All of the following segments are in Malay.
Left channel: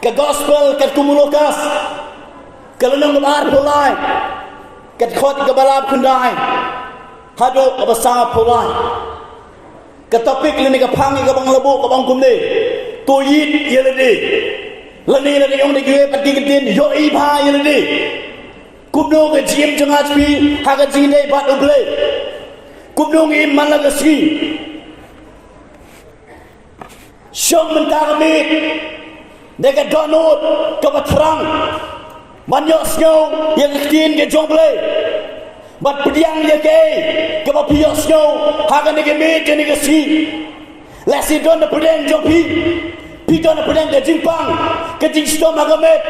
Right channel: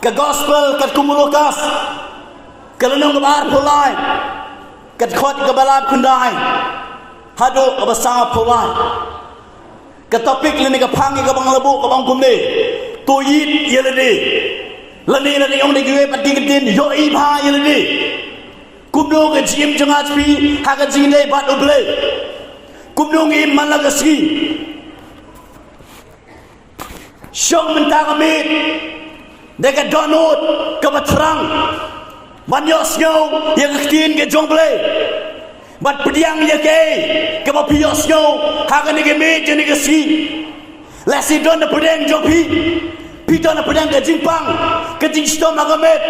ke gospel ke kumulokas ke lenong kebar pulai ke khot ke balad kundai hado ke besar pulai ke topik lini ke pangi ke bang lebu ke bang kumni tu yit yeledi lani yang di gue pati kedin yo iba yeledi kubno ke jim jangat pi ha ke jindai bat uble kubno ngim malagasi syong mentang mit dekat donut ke batrang banyak snow yang kedin ke jongle bat pediang ye ke bapio snow ha ke ne mit je ne ke si lasi don de pedeng jopi pidon de pedeng ke jingpang ke jing stom ha ke met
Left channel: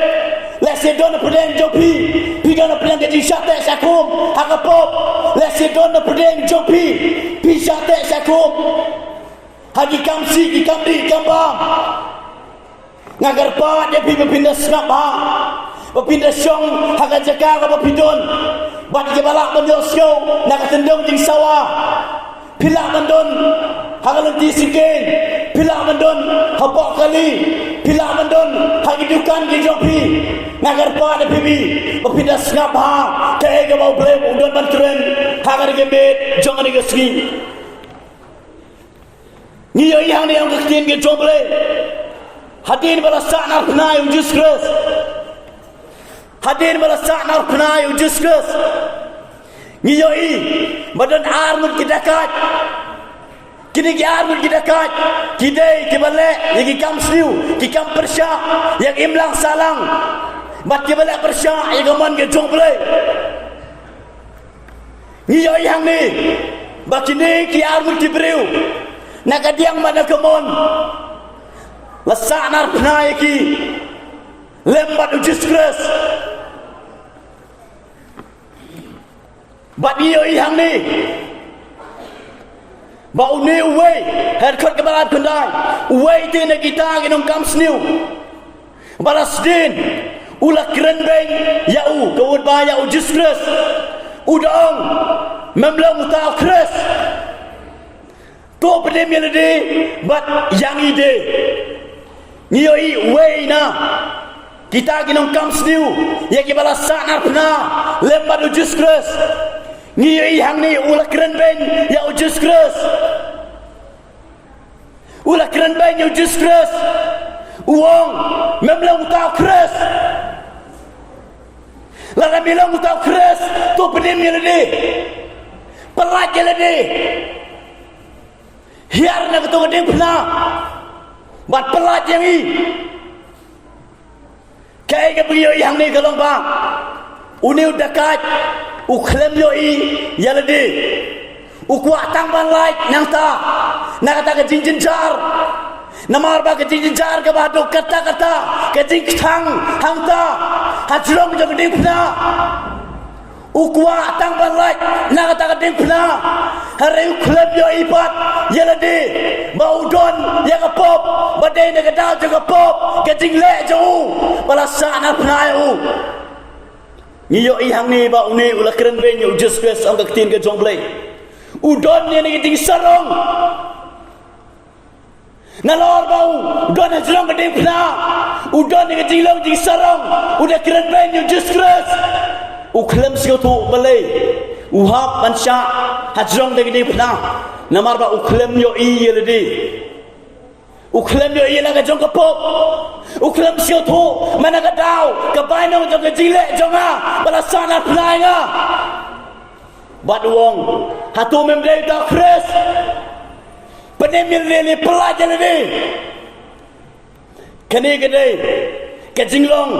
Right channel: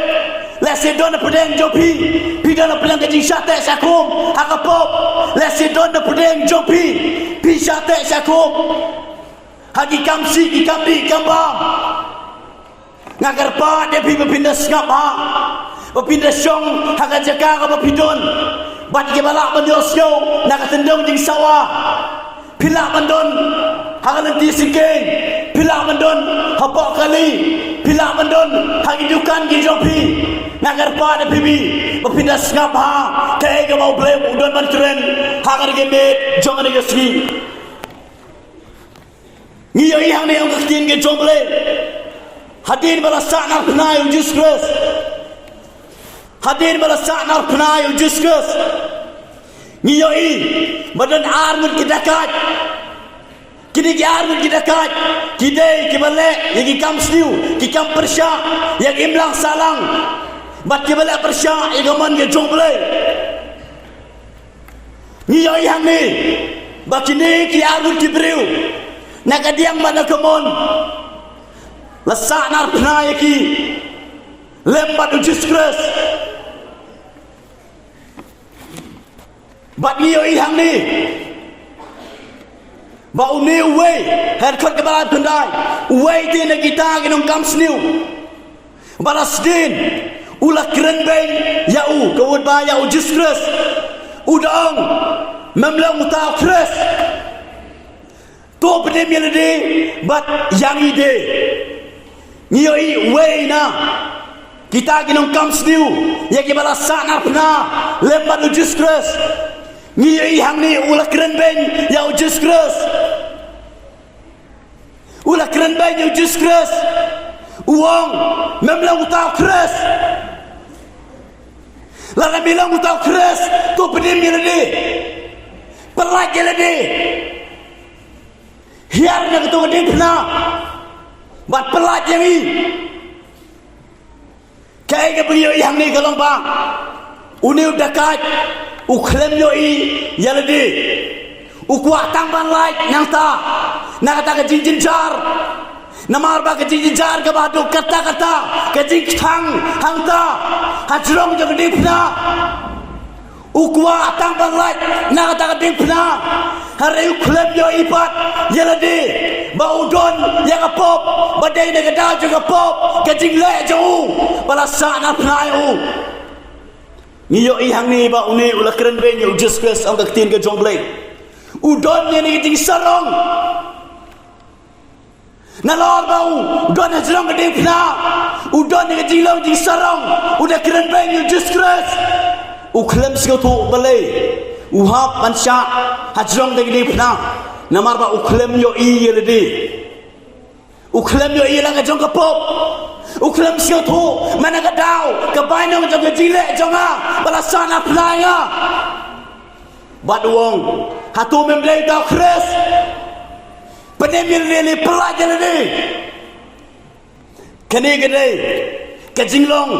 lasi don de pedeng jopi pidon de pedeng ke jing sate sakum ha ke pop lasi don de pedeng jopi pi sate sakum hagi kamsi ki kamdi kambang ngagar pa dia pi berpindah ngap ha berpindah syong haga jaga ka berpidon bat ke balak banyosyo nak tendong jing sawah pilak bandon haga nanti sikeng pilak bandon hapok kali pilak bandon hagi dukan ki jopi ngagar pa dia pi berpindah ngap ha ke ke mau blem udon ban keren haga ge met jong ni ge ski Ngiyo yang ni yang kektian ke jomble Hadin balasak nar penai ujus keras Hadin balasak nar penai ujus keras Ngiyo badan armut kita kat Kini ki armut kita kat Kidai ki balik yang ki kam sliu Ki kam persyak yang imlang salang Bat ki balik persyak yang gaman ke jomble Ngiyo yang ni Bakini ki armut ki beriu Nakadiang mana kemon lesak nar penai ki lembat ujus keras bat iyo ihang ni bau ni uwe herkot kebalat pendang uwe ti na kita ginong kamsniu balas din ulah keren beng yau kawud ba yau ujus keras udang memlang utau keras tu pedim yang ide bat yang ide ngiyoi way na kita ginong kamsniu ya kibala sana pna lembat ujus keras ngiyoi hang ni ulah keren beng ya ujus keras ulah keren beng ya ujus keras uang memlang utau keras lara bilang utau keras tu pedim yang ide pelat yang ide hiar nak tu gedeng pernah bat pelat yang ni kai ke beliau yang ni kalong bang uni udah kat uklem yo ya lede ukwa tang ban lai nang ta nak kata ke jinjin jar namar ba ke jinjin jar ke badu kata ke jing khang hang ta hajrong jo gedeng pernah ukwa tang ban lai nak kata ke gedeng pernah hari uklem yo ibat yelade baudon yang apop badai de gadau juga pop kecing le jauh balasa na pnaiu ngiyo ihang ni ba uni ulah keren beng yo just quest ang kaktin ke jongle udon ni ting sarong nalor bau udon hajrong gede pna udon ni jilong ting sarong udah keren beng yo just quest uklem sio tu balai uhap mansya hajrong de gede pna namar ba uklem yo yeledi uklem yo la ka jong ka pop uklem sio tu mana ka dau ka bainong jong ka jile jonga balasana planga bat wong hatu memblei ta kres penemil le pelajar ni kene gede ka jinglong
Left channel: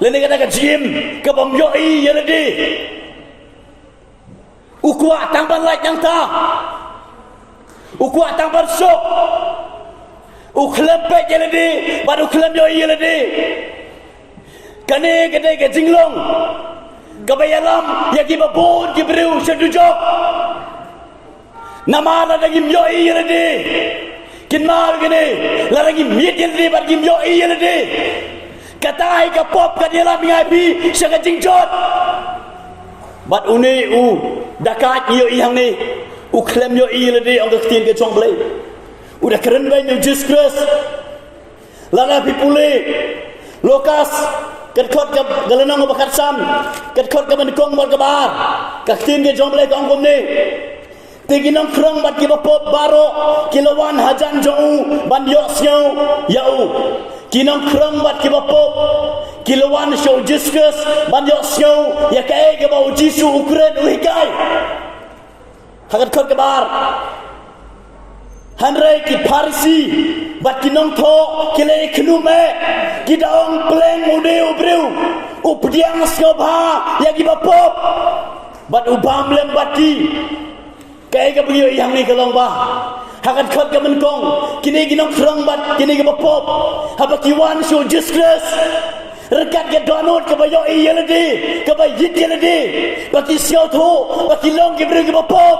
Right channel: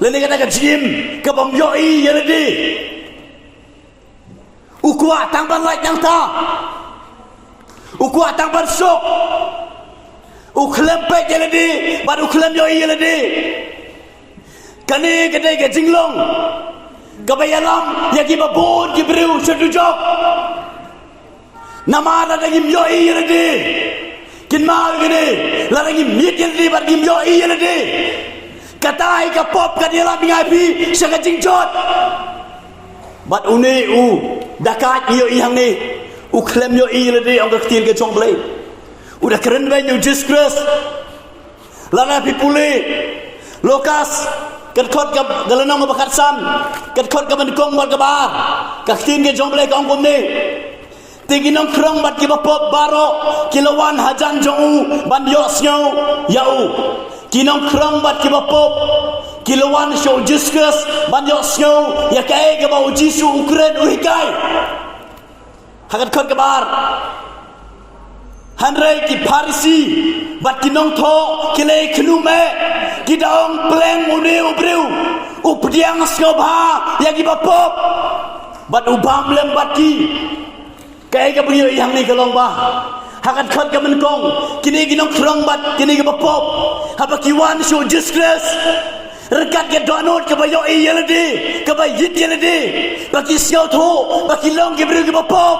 le kata ka jim ka bom yo yeledi ukwa tangban lai nang ta ukwa tangban sok uklem pe jeledi bad uklem yo yeledi kane gede ke jinglong gabayalam yagi babon jibril sedujok namara dagim yo yeledi kinmar gede laragi miet yeledi bad gim yo yeledi katai ka pop ka dia ngapi syaga jingjot bat uni dakat yo ihang ni uklem yo yeledi ang kaktir ke jongle udah keren banyak just keras lala pipule Lukas kat khot ka galanong bakat sam kat khot ka bandkong bal kabar ka tin ke jong blai kong kom ni tiginong krong bat ki bapop baro kilawan hajan jong ban yo snyo yau kinong krong bat ki bapop kilawan show Jesus ban yo snyo ya kai ke bau jisu ukren uhikai hakat khot kabar Hanrai ki Parisi bat kinong tho kile khnume ki daong pleng uniu breu updiang snobha ya ki bapop bat ubam lem bati kai ka brio yang ni kalong ba hakat khot ka menkong kini kinong krong bat kini ki bapop haba kiwan show Jesus rekat ke donut ke bayo yeledi ke bayit yeledi baki siau tho baki long ki breu ki bapop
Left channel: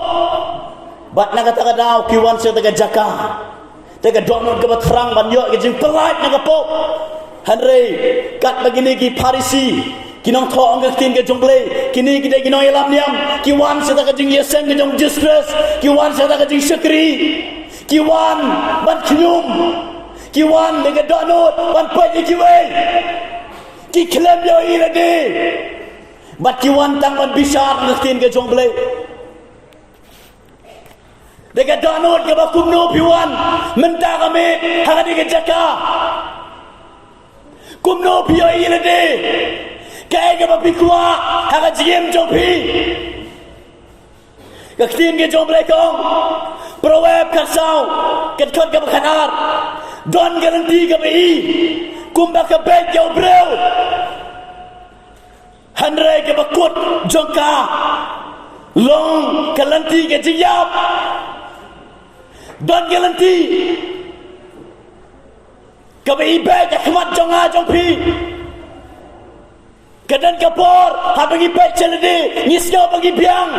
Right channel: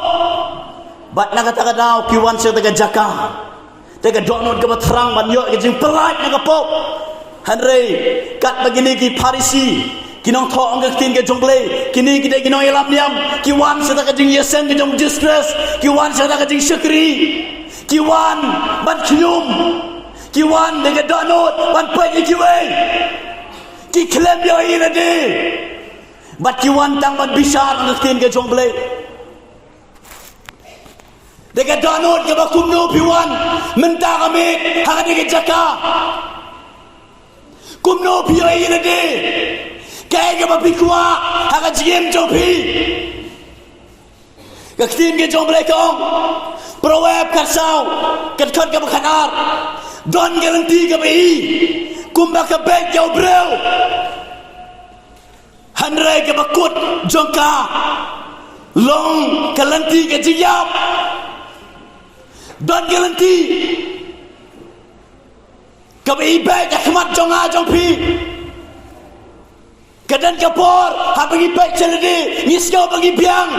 bat naga taga daw kiwan sa taga jaka taga donot ka batrang ban yo ke jing pelat naga pop hanre kat begini ki Parisi kinong tho ang kin ke jongle kini ki de kinong elam niam kiwan sa taga jing yesen ke jong Jesus kiwan sa taga jing syukri kiwan ban knyum kiwan taga donot ban pai kiwe ki klem yo irade bat kiwan tang ban bisar ang kin ke jongle Dekat donut ke bakum no piwan mentah kami hang dekat jaka kumno pio ine de kai ke bapikwa hang jiem jopi kaktin ke jom blekong proweb karsau kat khot ke bakhanar don garanti ke bi kumba ke bek jau breu hanre ke bakut jongka long kalanti ke jiyap don garanti kabai baik khmat jonga jongpi kadan kapor ha bagi baik celede ngisyo bagi biang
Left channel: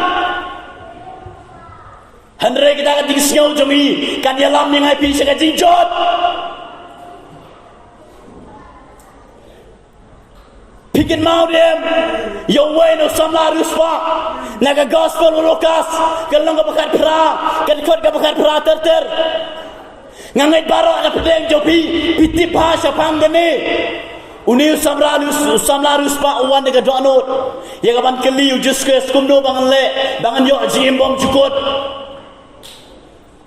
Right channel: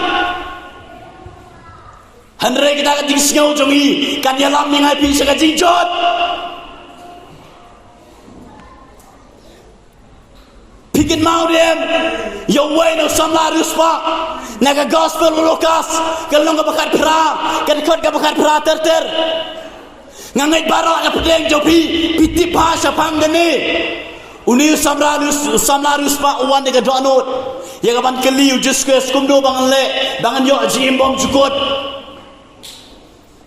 hanre kita ka ngisyo jongi kan yalam ni ngai pi saka jingjot Pikin mau dem yo bueno samla ruspa naga gospel Lukas kalong ka bakat pra kan khot ka bakat pra ter ngangai baro ada pedeng jopi piti bahasa panggane uni samla ruspa uwan naga donot ya kaban keli juskus kumdo bangan le bangan yo jim bom jukut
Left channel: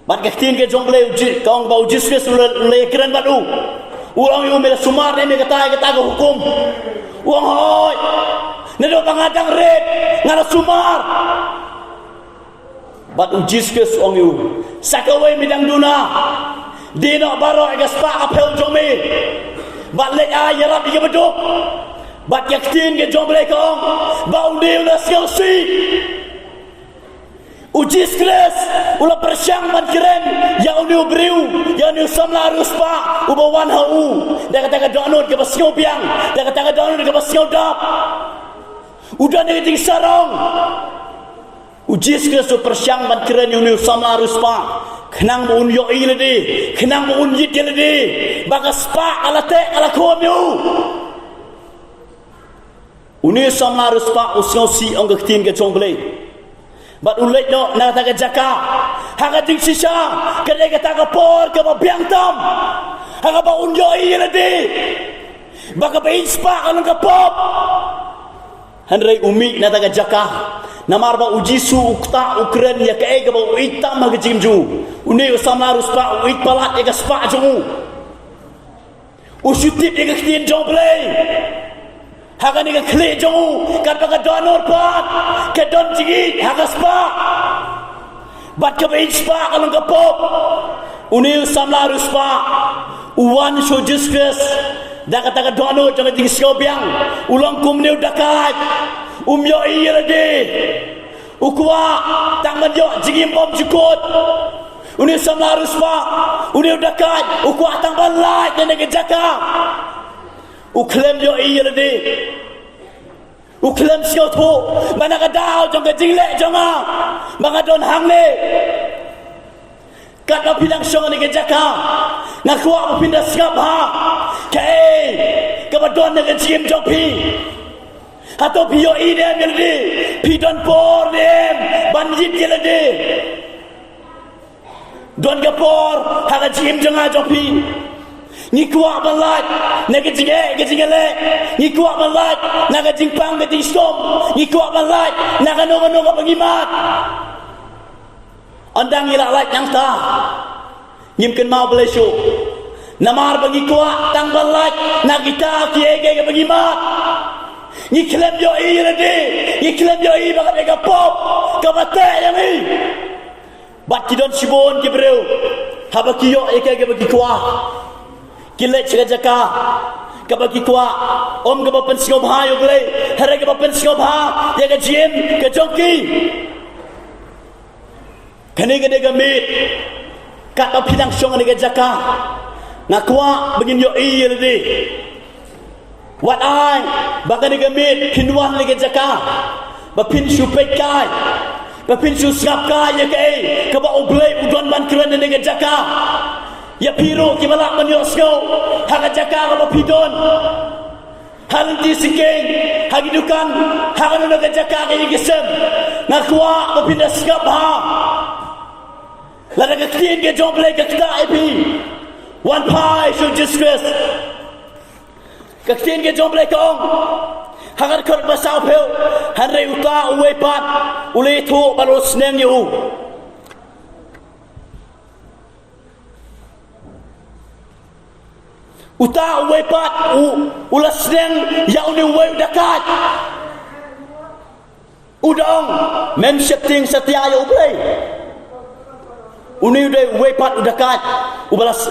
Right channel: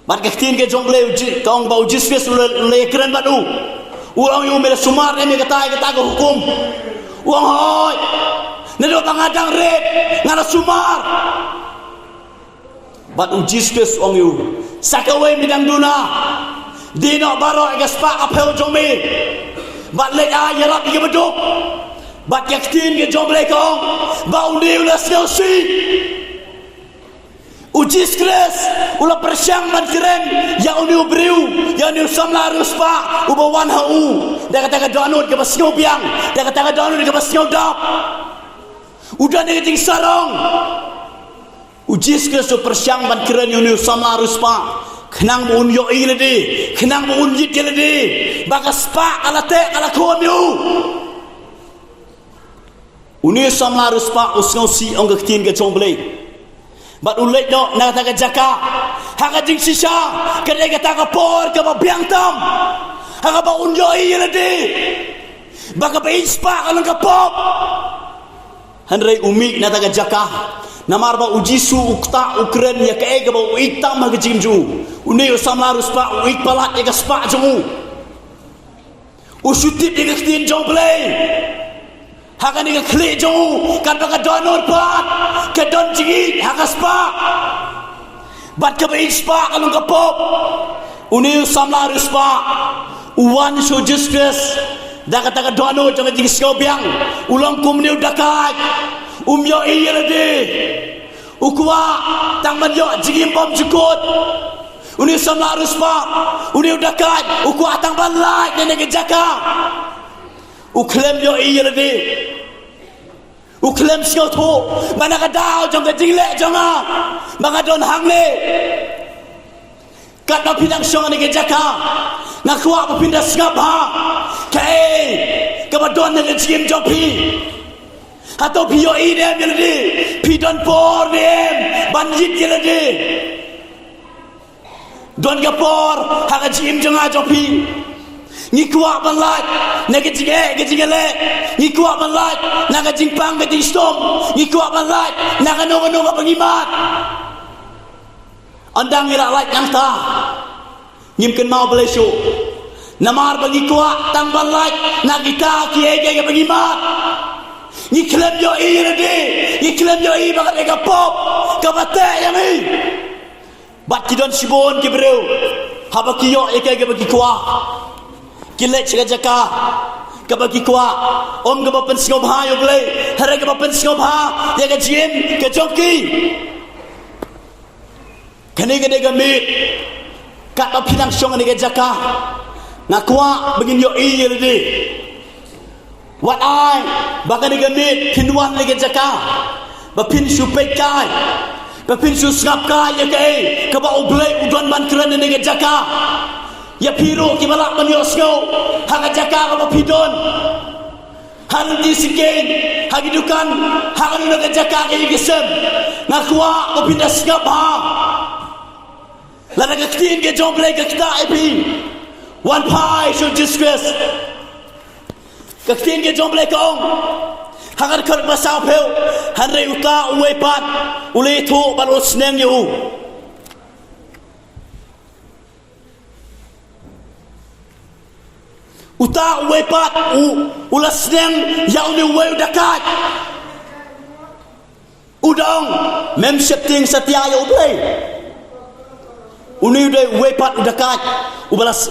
mat kaktin ke jongle kong bau juskus le keren badu uang yo mele sumar ne kata ka hukum uang hoi nado pangadang red ngara sumar bat ujiskus ong yu sakawai midang duna dino baro gaspa apel jome bat lek ayarap ke beduk bat yaktin ke jomble kong bau niu la skelsi ujiskus ula persyang man keren ya uniu briu ya uniu samla ruspa ubawan hau dah kata donut ke basio biang dah kata donut ke basio dap udah ni ting sarong ujis ke so persyang ban keren yang ni sama ruspa kenang bun yo ini di kenang bun yit ke di bagas pa ala te ala kon yo uni sama ruspa usno si ong tin ke chomble bat ulek do na kata jaka haga jing sisa kede kata por ke biang tam haga ba unjo ini di baka ba ispa kalau ka pop hanrei umi na taga jaka namar ba ujisu ukta ukren ya kae ga ba uitam ha gijimju uni usama ruspa uit palat ya spa jumu usutip ya ktin joble haga ni ga kle jumu kan ba donor pat ke don jigi haga spa bat ka ba ispa kalau ka pop uni usama ruspa uwan so justus dah kata dono jangan jadi siobiang ulang kumni udakat umyo iyelade ukwa tangman yo jigim bom jukut uni sama ruspa uni udakat ukwa tangman lai dan jaka uklem yo iyelade uklem siot ho mana kadau jangan jilek jangan banga don hangle kat na pinang syong ni jaka nakwa pindah singap ha kai kabadon na jim jopi atau pio ide meldi pidon por dem banjit gelade don gapor haga jim janga jopi ni kuat balat naga jing le ni kuat balat naga jing pang ke jing stom ni kuat balat naga no pengimat andang ila lat yang ta nyimken mau belesu namar bagi kuat tang balat nagita ki pengimat ni klem yo ni klem yo bagat ega pop kabate yang ni bat kidon sibon ki breu haba kiyo bagi kuat kilet jaka kabagi kuat om ka bapen singobha yo ble hare ka bapen singobha ya ka jim ka joki kani ka de gamit kat op pinang song ni ka jaka ngakwa begin yo yeldi wat ai bagani gamit pinwan ni ka jaka bapin supet kai bapin su skap kai ya ka ba oble udon man kran ni ka jaka ya piro ki balak maniosgo haga jaka ka pidon hal di sigen hagidukan haga no ka jaka ka igisem ngakwa ka pindas ka ba la ka ktin ke jongle ka kta epi one pie should disgrace ka ktin ke jongle ka ong haga kar basau pel hanre uka uwe pat ule thu balos neng yu uta wepat ulas neng yau ni we dekat udang mem setting setia yo play uni de wepat dekat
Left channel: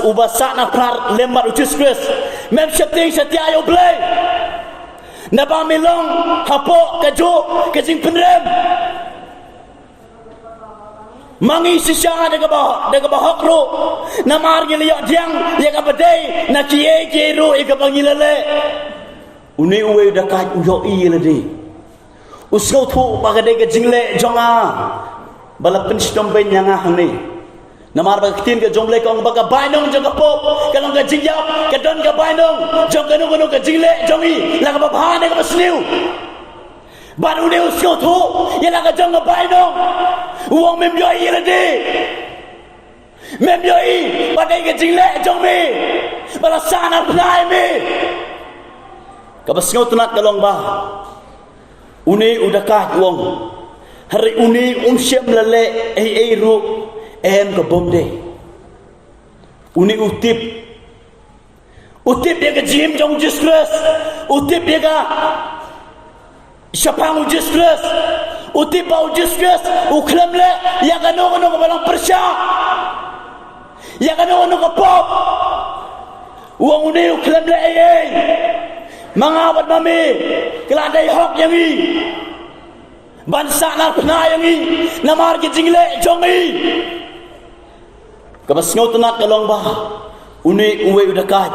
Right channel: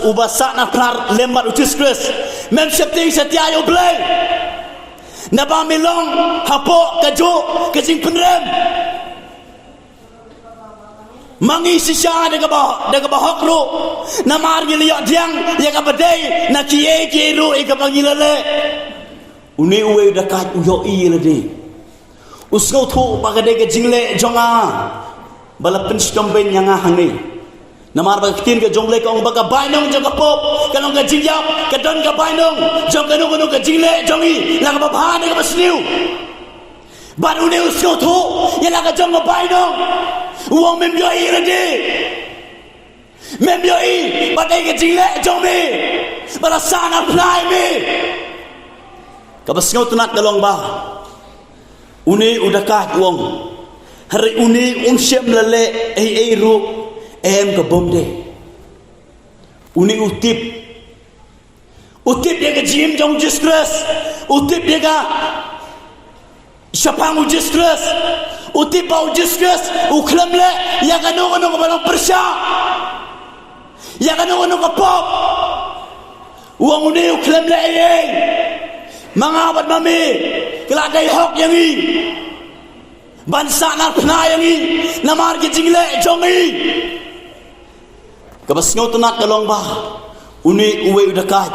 ubasa na par lembar utiskress mem setting setia yo play naba melong hapo kajo kajing penrem mangi sisa daga ba hokro namar giliya diang ya ka badai na kiye kero e ka bangilale uni uwe dakat uyo ilade usgo thu bagade ke jingle jonga bala penstom ben nyanga hane namar ba tin ke jongle kong baga bainong jaga pop kalong ka jingyap ka don ka bainong jong ka ka jingle jongi la ka ba bhane ka basniu baru ni usgo thu ya la ka jong ka bainong uang membiayai lagi membiayai badai ke jilek jong mi balasana plai mi kabas ngau tunat dalong ba uni udakat uang hari uni unsiem lele ru em ke bomde uni utip dia ke jim jong disgrace utip dia ke siapang disgrace utip bau disgrace uklam le ya kanu ka balong persya ya kanu ka pop uang uni uklam le mangabat mami keladai hok yang ni bansa na pna yang ni namar ki jingle jongi kabas ngau tunat kalong ba uni uwe udakat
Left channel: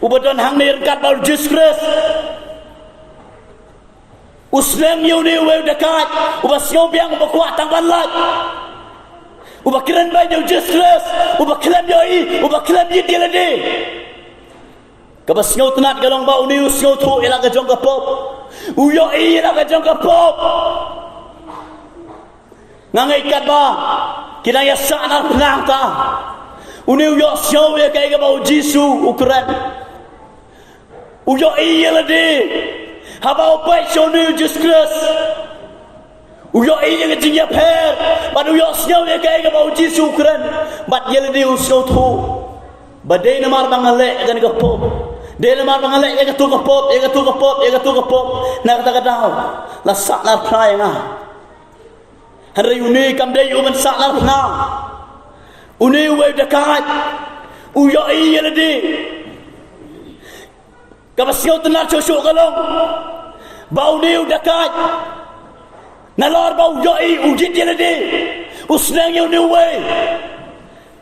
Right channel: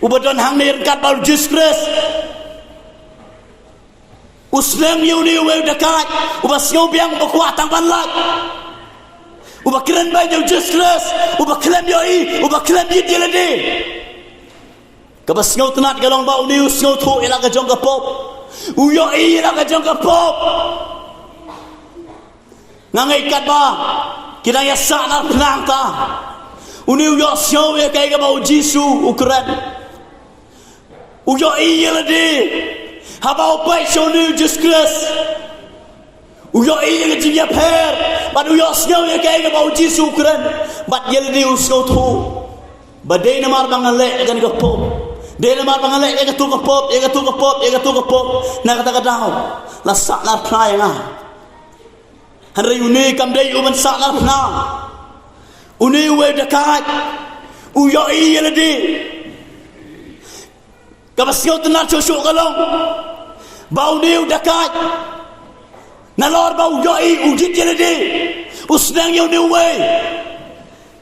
ubadon hang ni kat bau disgrace usnang yuni we dekat ubas ngau biang berkuat tang balat ubak keren bay jau disgrace ubak kelen yoi ubak kelen yit dilade kabas ngau tunat galong ba uni us ngau thu ila ka jong ka pop uyo ila ka jong ka pop ngangai kat ba kila ya sa na penang ta uni uyo sio ya kai ka ba jisu ukran uyo ila de haba opai sonu disgrace uyo iya ke jinja per but uyo snow ya kai ke bau jisu kran but yel di usau thu badai namar bangale gan ke pop de namar bangale ke tu ke pop na kata dau la sak na prai nga hari uni kam dei uman sak na pna uni we dekat uyo iya di kabasyo tenar chosok kalong bau ni dekat nalor bau yoi ujit jelade usnang yu ni we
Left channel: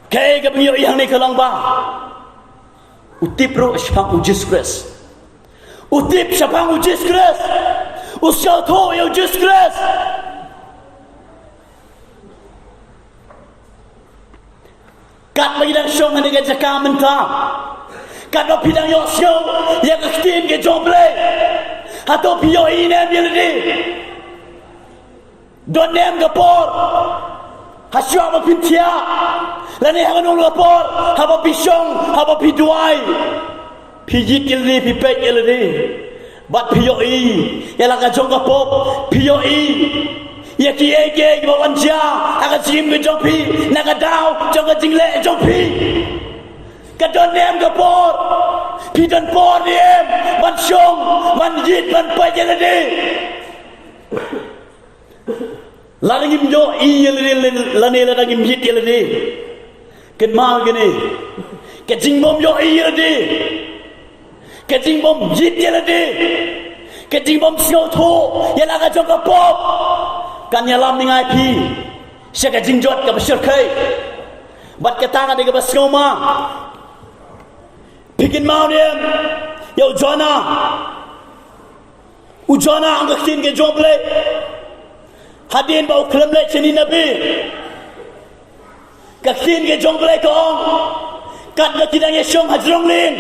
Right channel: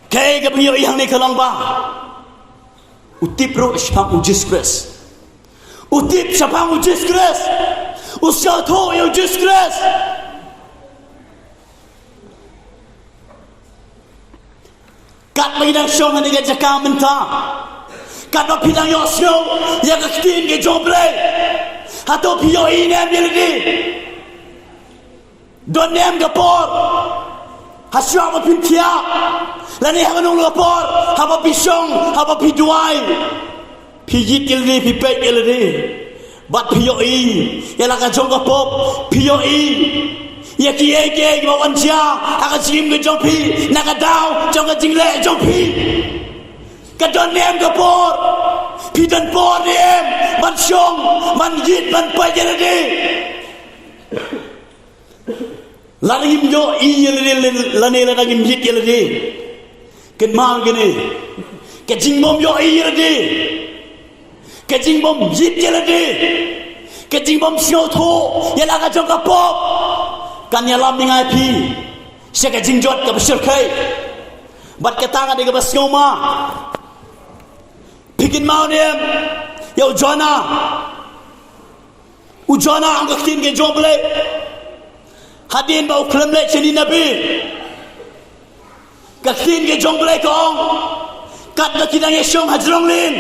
kay gap yo yang ni kalong ba utip ro spang ujis kres utip spang ujis kres usya tho yo ujis kres kat bagi dang song ni ga jaka menta kado pidang yosyo yang kekin ke jomble atau pio inem jeladi don nem gapor Hasya apa pintia, lani hangun lapor, apa pisong, apa piduai, pijit ilni, pipek ilni, bat piyoi, ialah kajong kapop, piyoi. Ya kiye bawan sia aga jim ke jong pi naga daw jong ke jingle jong pi ka don nem ke por pi don por nem man syong man yit man pa jele de la ngim jo i yele la ne la ngim yit yele de ken ma gene ke jing bom yo i yele de ke jing bom yit yele de ke jing bom sio tho yela ka jong ke pop kan yalam ningai pi seka jingjot ka besir kai bat ketanga de ka basngoma bikin mau nem ya ujana ang kakin ke joble hadin bau klemle chini nabi kakin ke joble kong kat na kinang yesong hajrong lin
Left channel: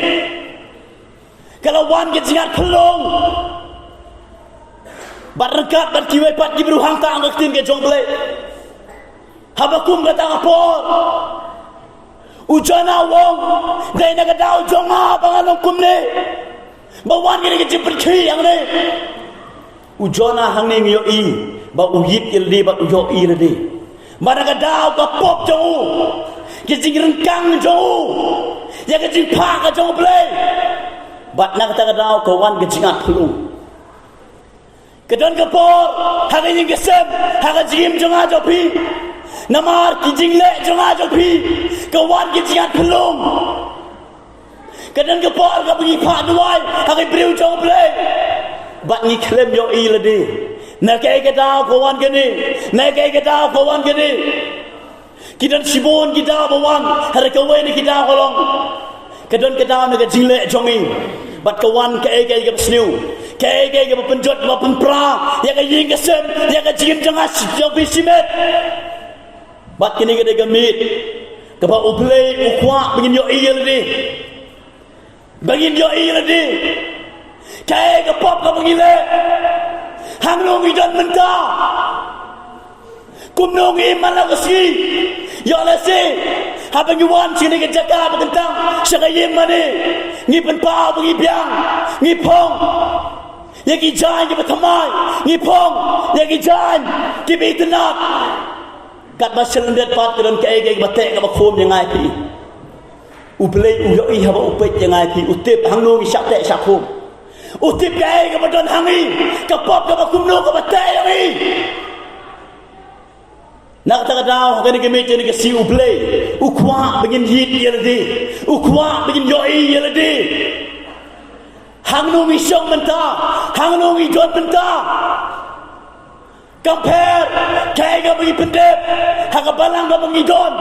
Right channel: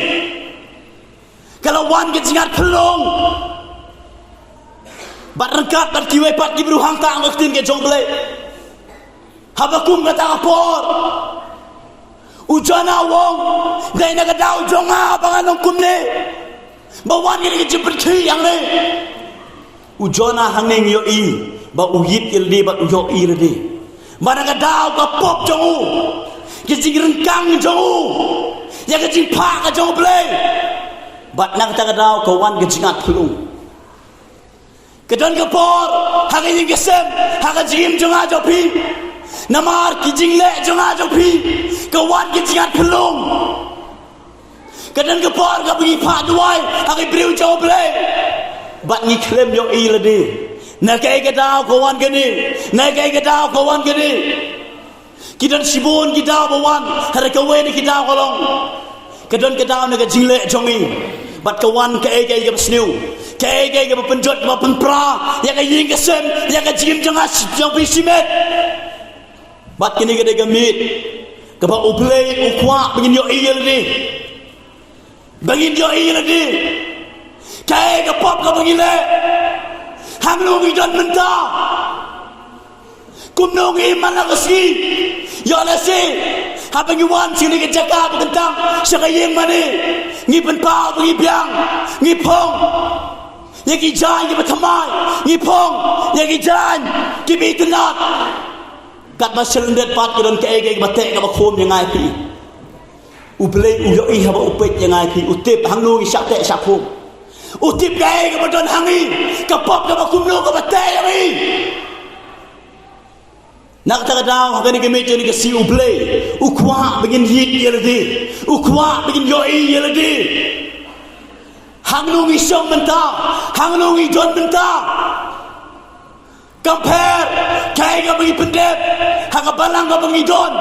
kalau wan ke jingat pelong bat rengkat bat kiwe pat ki beruhang ta ang tin ke jongle habakum kata apor ujana wong dai na gadau jonga panganong kumne bawan ni ke jipet ki yang ne ujana hangning yo i ba uyit ildi ba yo i redi mana gadau ka pop jongu ke jing rengkang jongu ya ke jing pa ka jongle bat na kata gadau ka wan ke jingat phulung kedon kepor hang ing gesem hang jim jonga jopi namar kijing le jonga jopi kawan kijingat pelung kedon kepor ka bagi pa duai hang breu joble bat ni klem yo i ledi na kai gada kawan gene na kai gada kawan gene kidan sibon kita bawan har kawe ni kita kolong kedon kita na kijing le jongi bat kawan kai kai ke sniu kai ke penjot penpra yang ying kesem yang jim jangas yang pisimet bat kini ke gamit ke ba ublei ukwa begin yo iya ledi begin yo iya ledi kai ke pop ke begile hang lu widon menta kumno ngi mana keski yo lesi apa ngi wan sini ke jaka bekentang siapa ying mane ngi penpau bagi biang ngi pong yang ijan ke bertemai ngipong yang ijan ke bitenat kat basel ndet pat ke dan ke batek ke bakom yang ngai pi ublei uyo i haba upet yang ngai pi utip hangnu ngi syak tek syakum utip ke badon hangi ke pop ke bakum no ke batek yang i nak tak dau hagani ke meja ni ke si ublei ukwa begin hit yeldi ukwa begin yo i yeldi hang nungi syong menta hang nungi don menta compare kai ga bagi pendep hang balang ga bagi don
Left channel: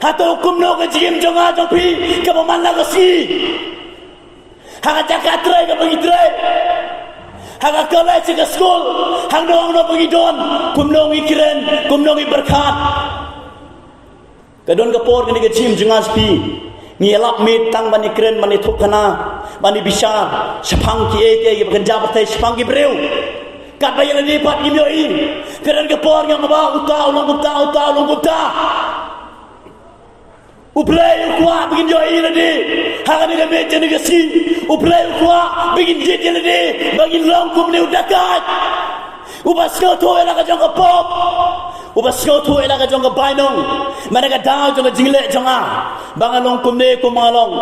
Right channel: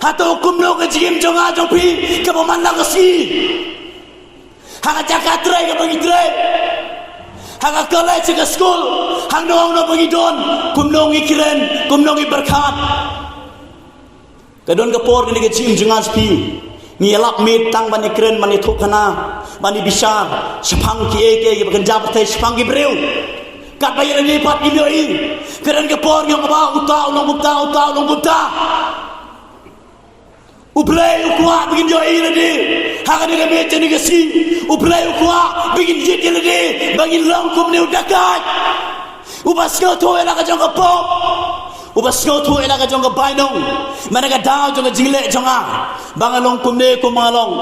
atau hukum no ke jim jonga jopi ke pemana ke si hang cakap trai ga bagi trai hang kolej ke school hang no bagi don kum nungi kiren kum nungi berkat kadon ke por ni ke jim jonga pi ngelap mit tang bani keren bani thukana bani bisa sepang ki eke bakan jabat sepang ki breu kat bayar ni pat imyo i keren ke por yang ba uta ulong gupta ublei ukwa begin yo i ledi hang ni me jeni ke si ublei ukwa begin jit ledi bagi long kum ni udakat ubas ko to ela ka jong pop ubas ko to ela ka jong bainong mana ka daw jong jingle jonga bangalong kumne kumalong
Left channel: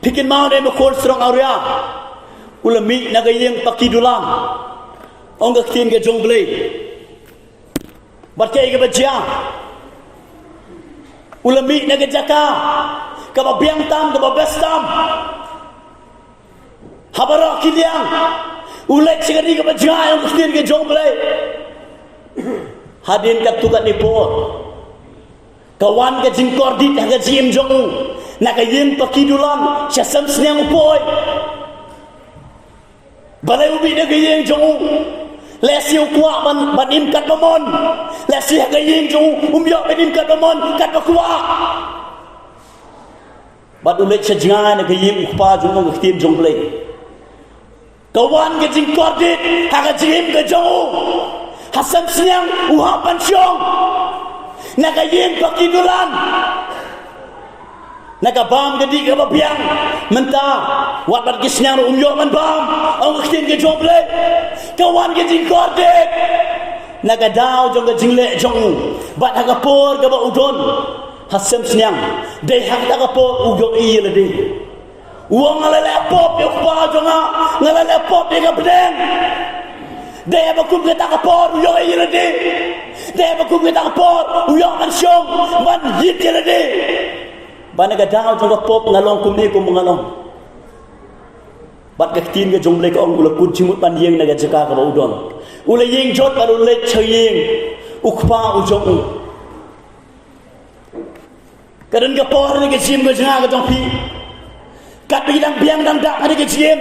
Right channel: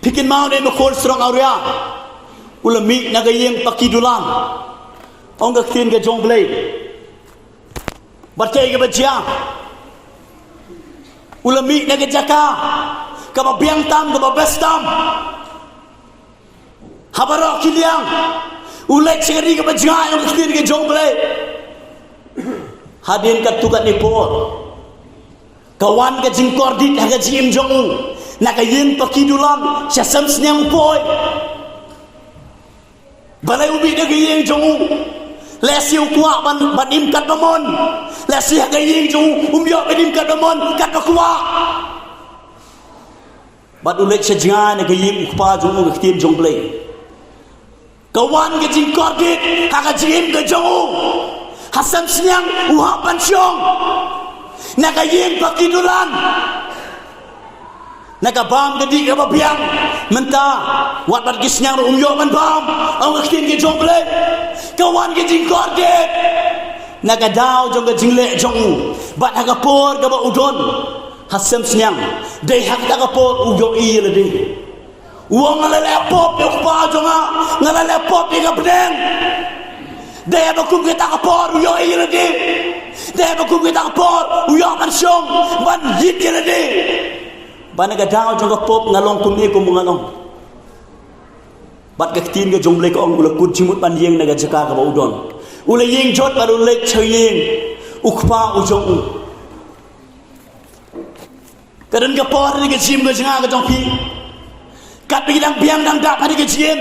pikin mau ne no strong area ulami nagayeng pakidulang ong gakin ke jongle barkay ke bajia ulami nagajaka ka babiang tam ka babestam habara kiliang ulai ceri ke bajia ong gakin ke jongle hadin kat tukat ni por kawan ke jingkor dit haga jim jongu nakayin pakidulang syasam snyang poi balai ubi de gayeng jongu lesi ukwa ban im kat bamon lesi haga yeng jongu umbyo bedim kat bamon kat bakwa bad ulek sejang ne gayeng ukpa jongu gtim jongle kawan ke jingkor dit haga jim ke jongu hasam siang uhapan syong nagayin pakidulan nagabam gadi ka babiang menta wat bat gisnyang umyo man bam ang akin ke jomble kawan ke jingkorde nagadaw jong ke jingle jong bat hagapor ka ba udon hasam siang de hagapor uyo ile de uang ngalale pop yo pa jonga ngalale pop de gabden de bakum ke takapor uyo ile de de bakum ke takapor uyo man syong man hit ile de bana ga daw jonga pop ngalong kumne kum ngalong bat ga tin ga jongle ko ong ula kut jimut ban yeng naga jaka ka udon ula yeng jot baru le chayeng ukpa ujong kadon ga por ni ga jim ga janga ga jong pi kat bidang biang dang dak hari ga jiem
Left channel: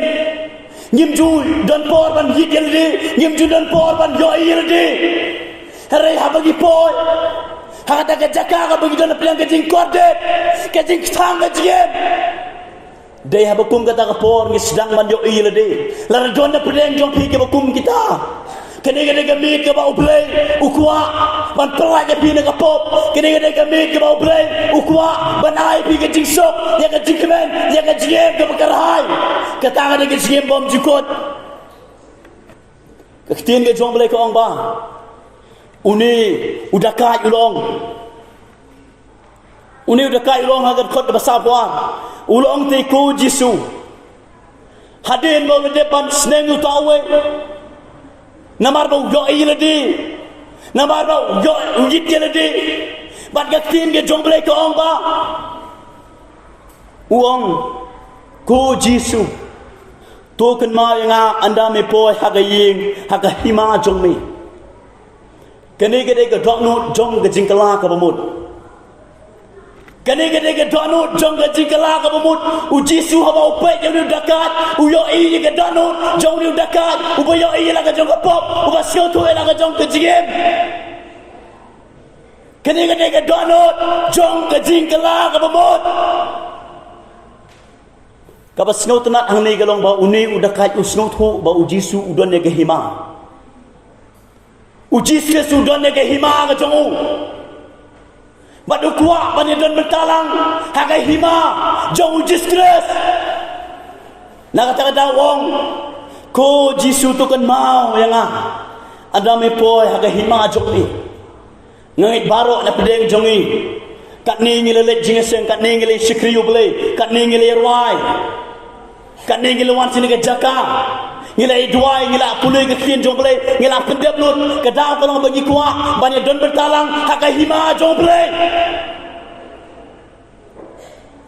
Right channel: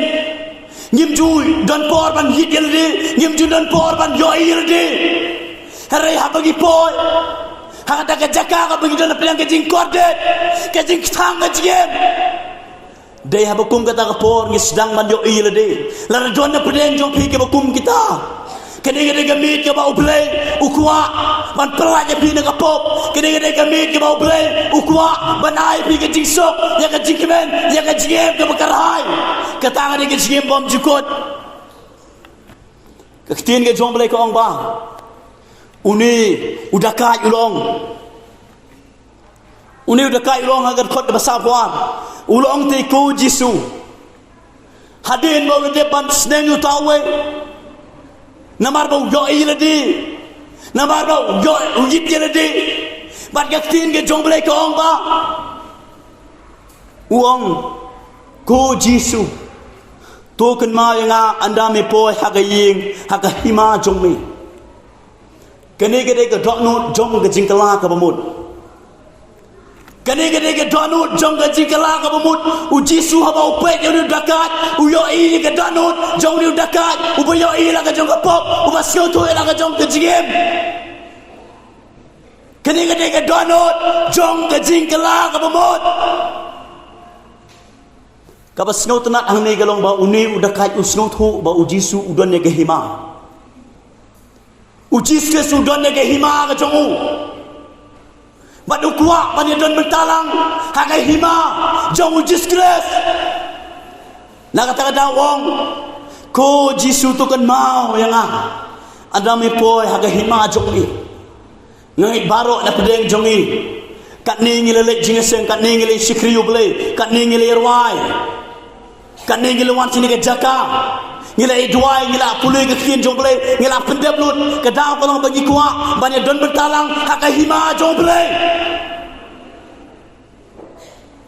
nyim jul don por ban hit yel de nyim jul don por ban yo yel de hare ha bagi poy hada ka jaka ka bagi don pelang ke jing korde ke jing thang ke jiem de ha bakum kata ka por ngi sedang man yo ile de la don na pelang jong pi ke bakum kita kene gamit ke bau play ukwa ban peraja pi na ka pop kene gamit ke bau play ukwa ban ai pi ke jing sok ya ka jing kemen ya ka jiem ke bakarhai kata ada ke jiem bom jikot ke tin ke jong play ko ong ba uni udah kai ulong agar khot besar puan ulong te ko jisu hadin mo de ban sneng utawe namar bau yo ile di namar bau yo yip ile di bat ga tin ke jong play ko ong ba uong ko jisu token ma nga anda me poi hagaying hagahima jong me kene gede ke donu jong ke jingkala ka bamut kene gede ke donu jong ke jingkala ka bamut u jisu haba upet yo dakat u yo i ke donu jong ni dakat u yo i la ka jong ka pop u ba sio to la ka jong ke jigem kene gede ke donu jong ke jingkala ka bamut ka ba sno tanat hang ne galong ba uni u dakat u sno thu ba u jisu u don ne ke hima ujis ke sudan ne ke hima ke jongu badu kuak bani don mentalang hagai hima jong ujis kres na kata wong ko jisu tu kan mau yang ada me poi hagai hima jong ni ngait barok na pedeng jongi kat ni ngile jingeseng kat ni ngile sikriu ble kat ni ngile rwai kat ni ngile wan sini ke jaka ngila idwai ngila pului ke kin jomble ngila pendep lut ke daw kolong bagi kuak banyak don bertalang haka hima jomble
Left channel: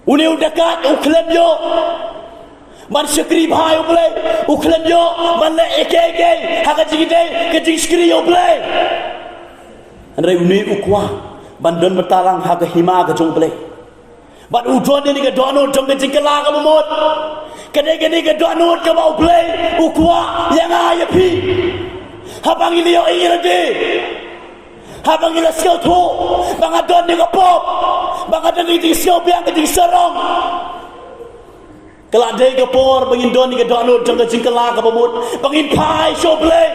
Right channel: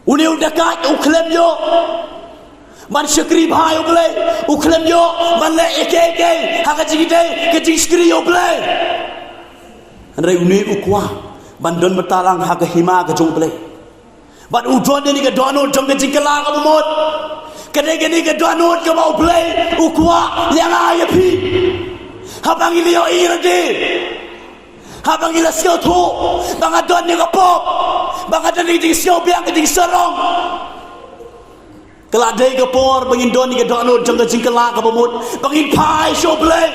uni udakat uklem yo ban syakri bhai uble uklem yo ban le eke haka jigide ke jingskri yo ble andre uni ukwa ban don bertalang haka hima ke jomble ban udon ni ke dono jong ke jingkala ka bumot kene ke doanut ke bau play ukwa yang aye pi habang ilio irade habang ila sio tu bang adon ni ke pop bang adon ni sio biang ke sorong kelak dei ke por bangin don ni ke doanut jong ke jingkala ka bumut bangin pai sio play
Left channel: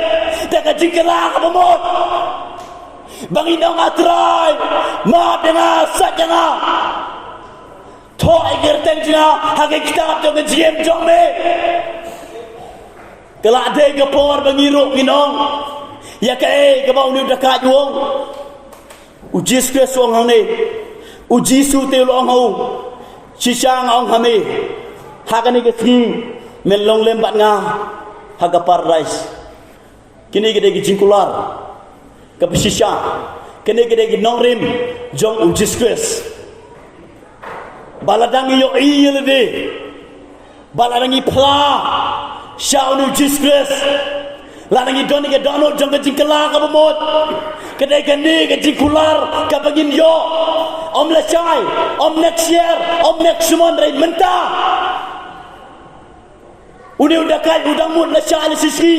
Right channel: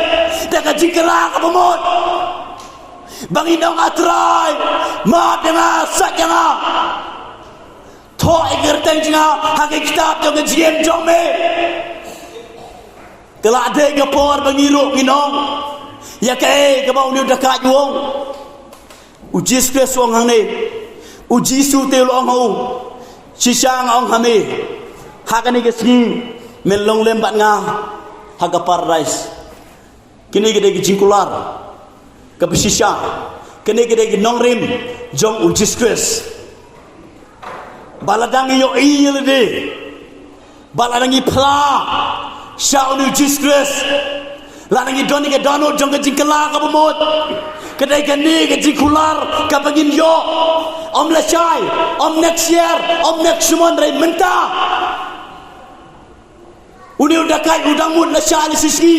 de ke jingkala ka bumut bangin dong atrai ma dengan sakjana to agar tengja hake kitab jong jiem jong me kelak de ke por bangiruk ginong ya ke bau ni dekat wong ujis ke song hang ni uji su te long ho sisang ong hame hakani ke sing melong lembat nga haga paradise kini gede ke jingkular ke sisang kini gede ke nongrim jong ujis kres baladangi yo iyel de baladangi pla shaunu jiskres ladangi doni ke dono jong ke jingkala ka bamot kedai ke ni ke jingkular ka bagin yo om la chai om next year om next month rai menta uni udah kai udang mut la chai sisi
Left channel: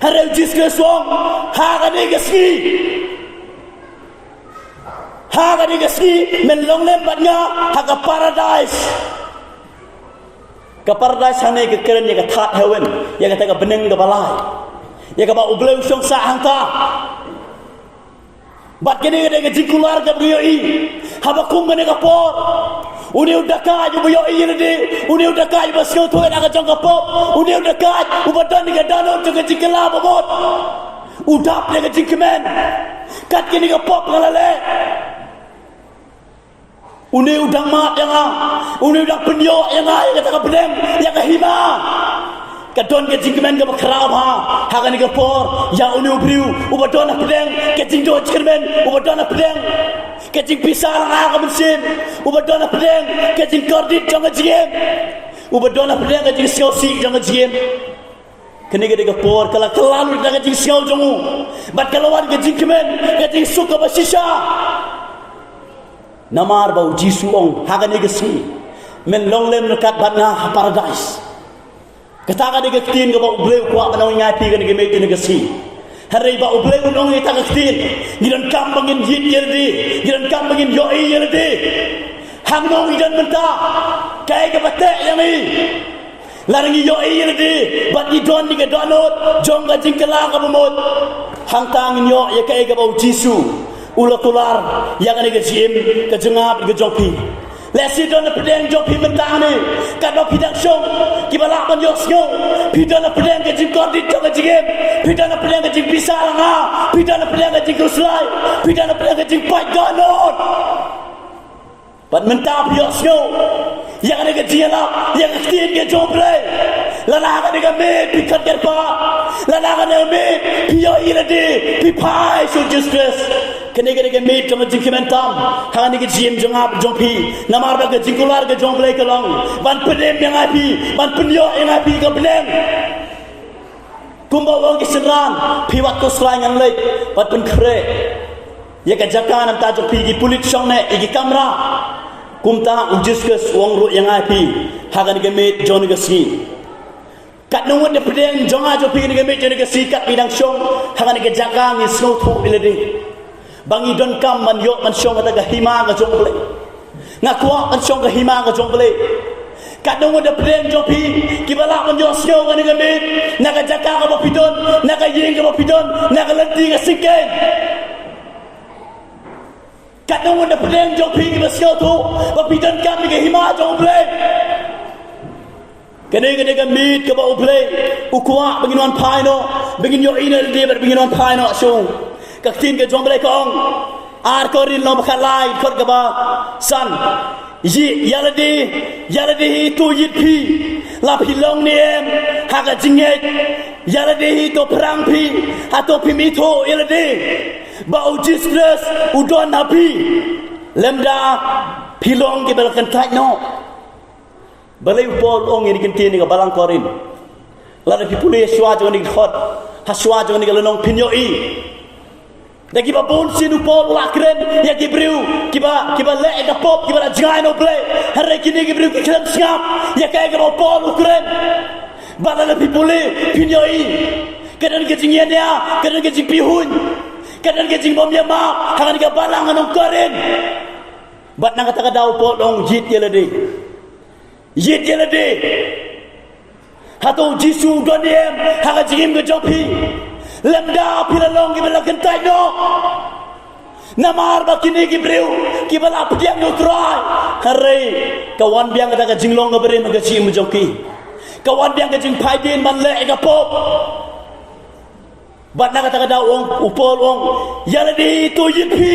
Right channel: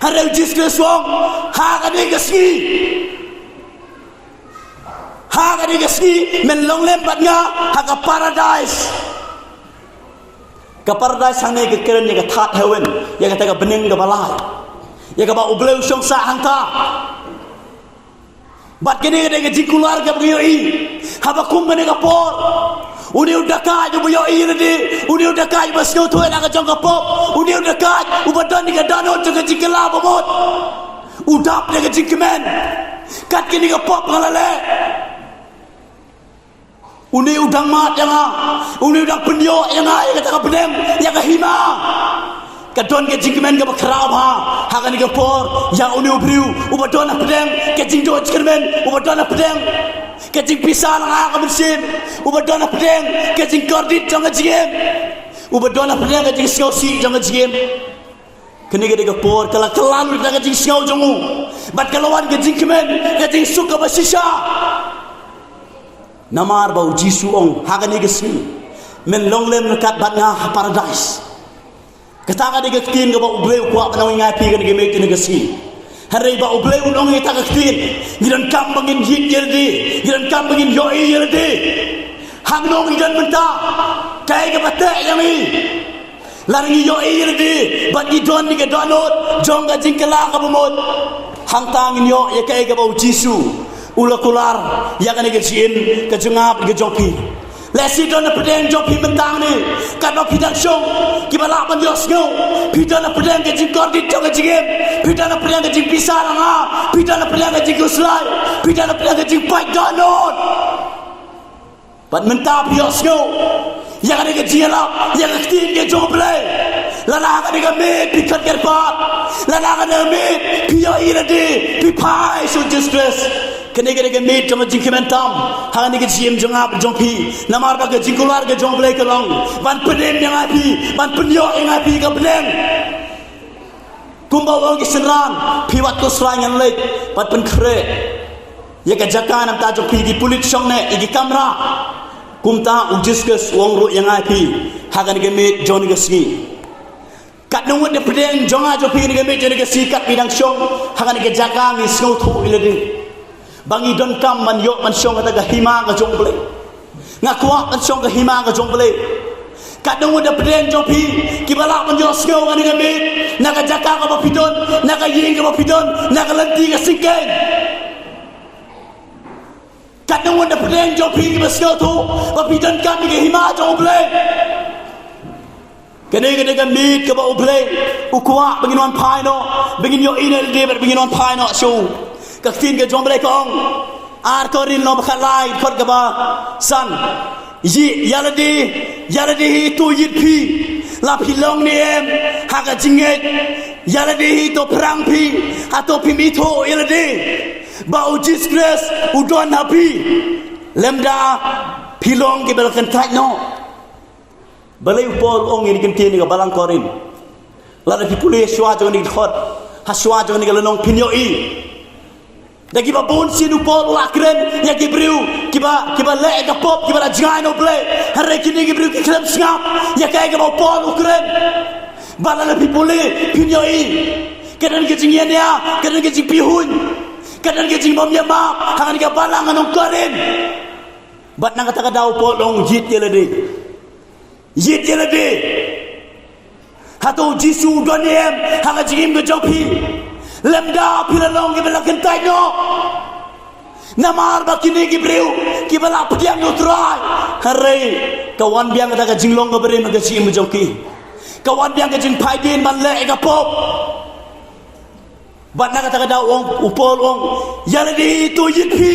hare jiskres wong ha ka ni ke ski haga di gasni men long lembat nga haga paradise ka paradise hane ke keren ya ka that heaven ya ka ta beneng ga balai ya ka ba ubleu song sa hang ta Bat kini ada gaji keluarga beliau haba kum menega por. Uni udah kaj beliau ini, uni udah kaj basku tuh nak jong kapop, uni udah kaj ubadan ni gadano jong gaji kelab bot. Udah punya gaji kemen, kat kini kapop ngalale. Uni udang mat yang uni udang penyo yang kata kapedem yang kahima. Kadon ke jingmen ke bakrab hagan ke por yang uni ubriu ubadon pedeng ke jingdo jingmen ubadon pedeng ke jing pisar ka bersim ubadon pedeng ke jing kordit jang jingem ubadon pedeng ke jing siosi jang jingem kene ke por kala kelalu ke jing siau jongu bat kalawan ke jingmen ke jing suka basisha namar bau jisu ong hagan ke smi men longlem kat batna paradise katakan dia ketin ke bau bleu kuat menawai ngapi ke negeri negasi. Hari bau bleu dong kita ketin. Giran kambangin hit yerdi, giran kambangin yoi yerdi. Hang dong giran mentah. Kaya ke batek yang ni. Larangi yoi yerdi. Bat idon ni ke donut, jong ke jingkelang ke bumut. Hang tangin yo ya kaya ke bau jisu. Ula kular yang ni ke jin ke jengap ke jongpi. Lesi dona pedang jopi mentang ni, kado pidang syong, kibalak menyosnyo, pidana pedang kecing kordit jong kecing, pidana pedang kecing pisar nga, pidana pedang kecing kuslai, pidana pedang kecing paik donut. Pat mentang piosnyo, yang ada kecing lah, yang kecing ke joble, lana ada kami pikat kerpat, lana ada kami pio irade, pipai so justice. Kene kene meet jong jing kementam hang ni jim jong ap jong pi namar ba jing kular ke jong play ke long ban pedem yang api ban penyo yang api ke beleng kumba wong ke senran pi wat ko slangan lek bat pen kre ye ka jakan am ta jong pi di pulit song ne igi kamera kumta ujiskus wong ru yang api hang ni meet jong ni si kat nungut de pedem jong a jong pi ni meet jong ni si kat bidang song hang ni jakan ni snow thu ilade bangi don kam man yo man syong kata hima ka jong ble ngakwa man syong ka hima ka jong ble kadang ada pedeng jopi kibalak man yo snow kan ngame naga jaka ka bapidon naga ying ka bapidon naga lenti ka sikeng kadang ada pedeng jopi ka snow tu bapidon kam ka hima jong ble kene ka mit ka ba ble ukwa bangin wan pai no bangin yo inel de bangin wan pai no so kaktin ke jomble kong ar korin lo bakhalai khot ka ba san yi yalade hi tu yit pi la pilong ni em ha ka jinget yalade hi to perang pi atau pi mi to yalade ba ujis grace udon happy lemda pilong ke belkan tai no balai pol ong ni kentin ni ka balang korin la da pipule shwa jong ni khot ha shwa jong ni ka lonong pinyo i dagi babon sinu pol lakren ya gibriu kiba le da pop kiba jangan oble hare kini gibriu ki klem sngap ya kay ga pol ukren bala le pipule pinyoi kadan ke jingya dia kadan ke jipihun kadan ke jingbom ya ma hangan ga balang anong koren bat nang kata daw pol long yit yelade hato jisu doniem hanga jingim ga jopi lemda pilalong gibala kentai no namar bakini gibriu gibala pediang no try hare kawan biang kata jinglong ga bere magaci mujoki kawan biang ga jing pai bin man le ga pop bat na kata da ong upol ong yalagi to yipi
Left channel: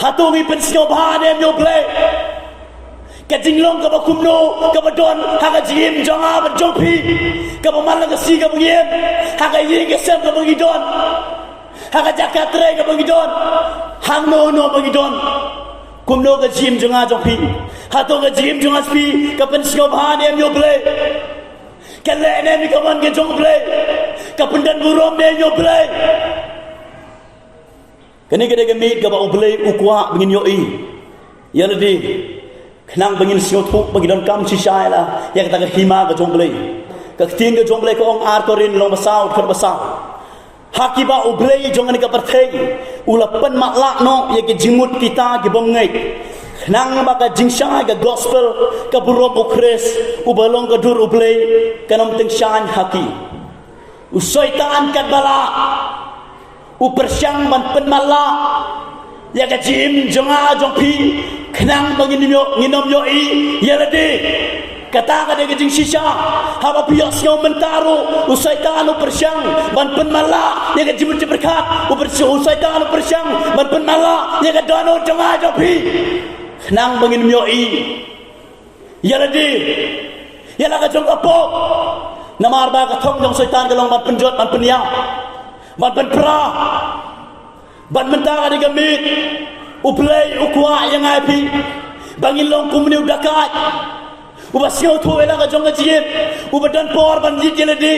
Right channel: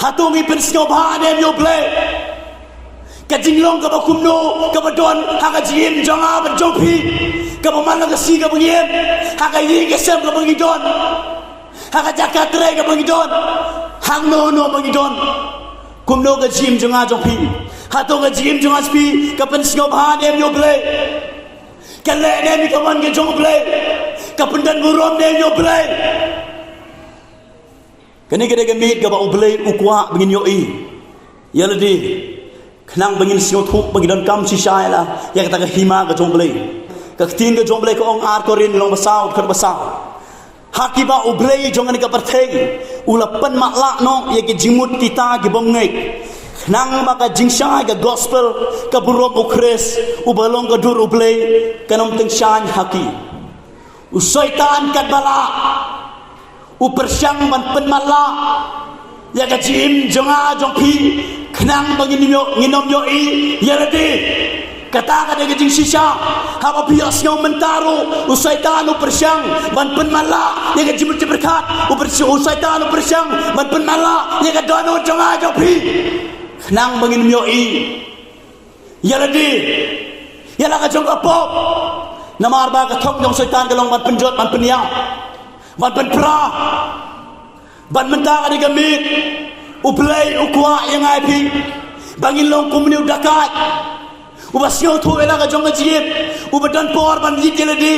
hatungi pensio bhane yo play ka jinglong ka bakumno ka badon ha ka jim jonga ba jopi ka pamalang ka si ka bangiem ha ka yi ka sem ka bangidon ha ka jakatre ka bangidon hang no bangidon kumno ka jim jonga jopi ha to ka jim jonga spi ka pensio bhane yo play ka le ne mi ka man ka jong play ka pendan burom ne yo play kene gede ka mit ka ba play ukwa bangin yo i yaladi kenang bangin siot huk bagi don kam si syai la ya kata ke hima ke jomble ke tin ke jomble ko ong ar korin long basau khar basau hakiba ublei jongan ke perthei ulapan maklak no ya ke jimut kita ke bongai kenang maka jingsai ke gospel ke burom ukres ubalong ke dur ublei kanom teng shan haki usaitan kat bala upersyang ban penmala ya ka jim jonga jong pi kenang bangin nginom yo i ya lade kata ka de jing sisa haba pias ngau mentaro usaitan upersyang ban penmala ya ka jim berkat usaitan upersyang ban penmala ya ka dono jonga jong pi kenang bangin yo i ya lade ya la ka jong apo namar ba ka thong dong setan galong ban penjot ban peniang ban penpra ban mentang ada gamit uplay ukwa yang ai pi bangin long kumni udakat ubasyo thu ela ka jong ajib ubadan por ban yit geladi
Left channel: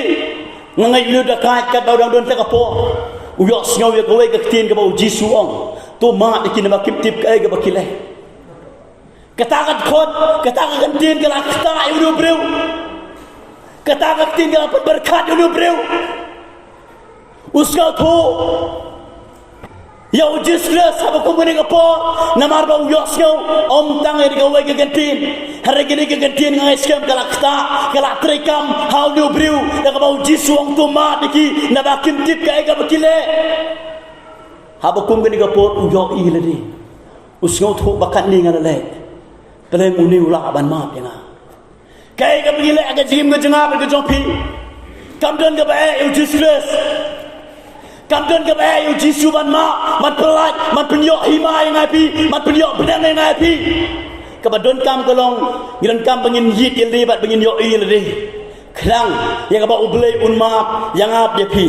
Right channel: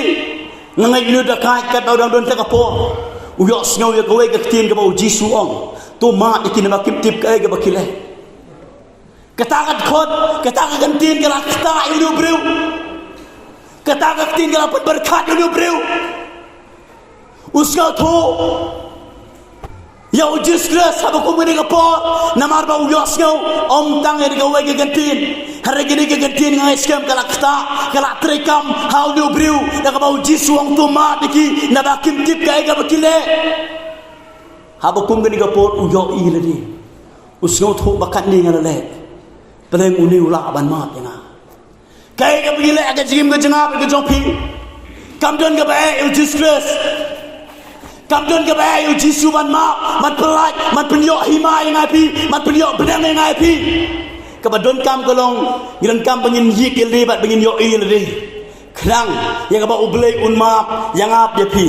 ngai ni udakat ka dang don ta ka po uyo sngaw ya kowe ka tin ka ba jisu ong to ma ikin ba kip tip ka ga bakile katakat khot katakat gantin ka lakta ilu breu katakat tin ka berkat ilu breu उसका थो या जिसके सब को मैंने कहा नमार बाउ यास्यो om tang eri gawe ke gantin hari gini ke gantin ngai scam kalakta kalak trekam how do brew da ka bau jisu ang tuma diki na bakim tip kai ga bakile haba kum gani ga pot yo i ladi usyo tho bakat ni ngala le peleng uni ula ban mat ya kai ga bakile aga jim ga janga ga jompi kam don ga ba e jisus Kamdon ke bayi Jisu man mak man pelat man penyok hima yang api man penyok benang yang api kabadon kam kolong giran kam bangin yik lebat bangin yo i lede kenang yang ba ublay un mak yang ap ya pi